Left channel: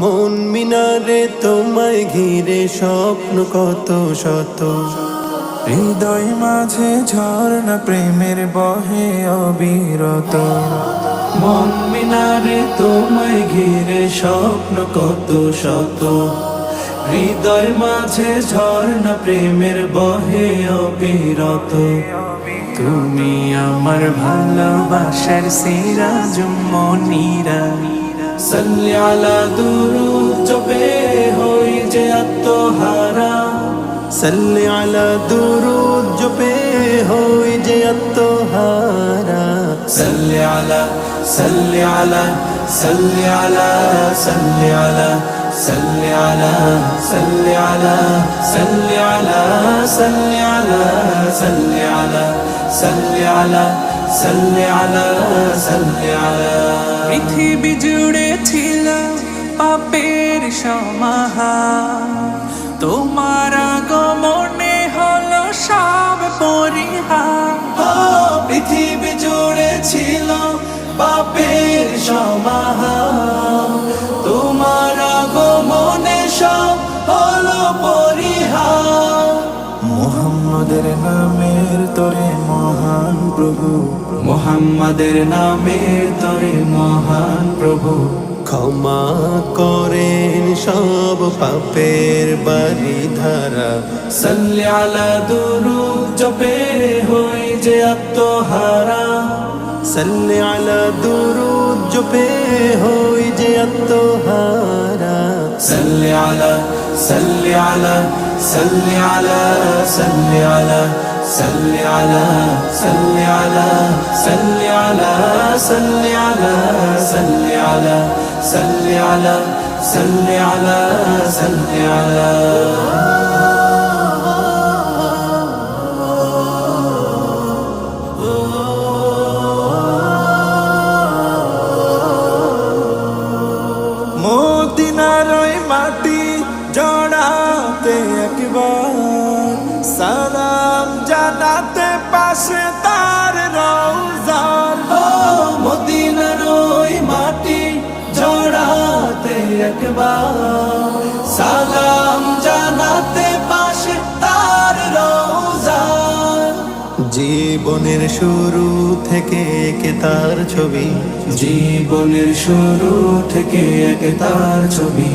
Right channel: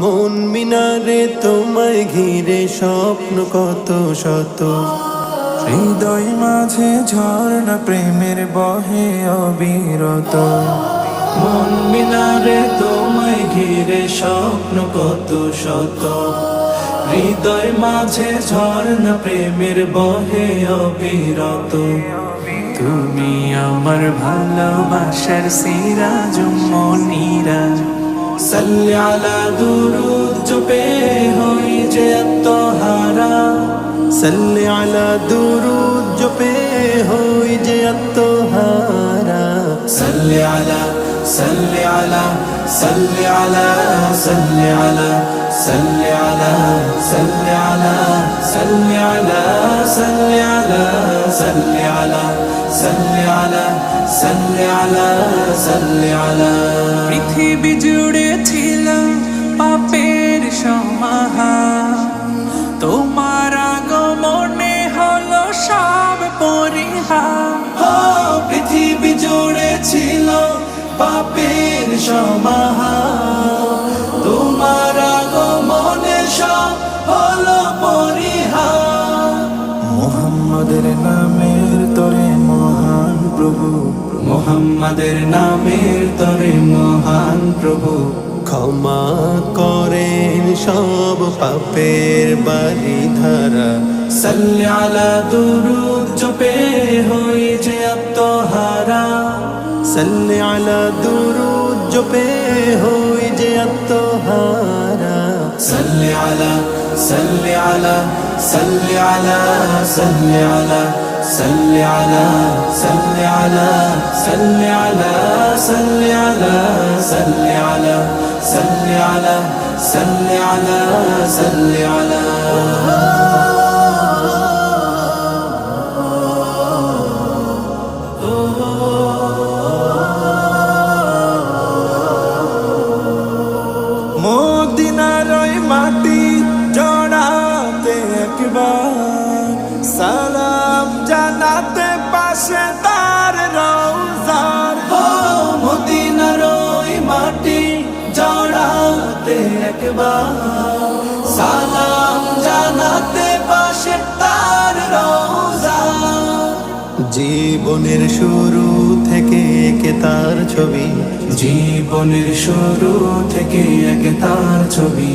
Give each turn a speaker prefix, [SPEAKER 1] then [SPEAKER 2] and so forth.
[SPEAKER 1] মন মিনারে তোমায় ঘিরে স্বপ্ন কত শত।
[SPEAKER 2] হৃদয় মাঝে ঝর্ণা প্রেমের বহে অবিরত।
[SPEAKER 1] মন মিনারে তোমায় ঘিরে স্বপ্ন কত শত। হৃদয় মাঝে ঝর্ণা প্রেমের বহে অবিরত। তুমি আমার ভালোবাসার সিরাজ মনিরা। সাল্লি আলা দুরুদ জপে হই যে আত্মহারা সাল্লি আলা দুরুদ জপে হই যে আত্মহারা সাল্লি আলা সাল্লি আলা সাল্লি আলা সাল্লি আলা সাল্লি আলা সাল্লি আলা সাল্লি আলা সাল্লি আলা সাল্লি আলা সাল্লি আলা সাল্লি আলা সাল্লি আলা পৃথিবী জুড়ে ছিল পাপের সমাহা তোমার আগমনে হলো সব পরিহা পৃথিবী জুড়ে ছিল পাপের সমাহা
[SPEAKER 2] মোহাম্মদের নামের তরে মহান প্রভু।
[SPEAKER 1] মোহাম্মদের নামের তরে মহান প্রভু। ক্ষমা করেন সব পাপের বাড়ি ধারা সাল্লি আলা দুরুদ জপে হই যে আত্মহারা। সাল্লি আলা দুরুদ জপে হই যে আত্মহারা। সাল্লি সাল্লি আলা সাল্লি আলা সাল্লি আলা সাল্লি আলা সাল্লি আলা সাল্লি আলা সাল্লি আলা সাল্লি আলা সাল্লি আলা সাল্লি আলা সাল্লি আলা
[SPEAKER 2] মদিনার মাটি জড়াতে একবার। সালাম জানাতে পাশে তার রৌজার
[SPEAKER 1] ও মদিনার ওই মাটি জড়াতে একবার। সালাম জানাতে পাশে তার রোজা জীবনের শুরু থেকে একে তার ছবি। জীবনের শুরু থেকে একে তার ছবি।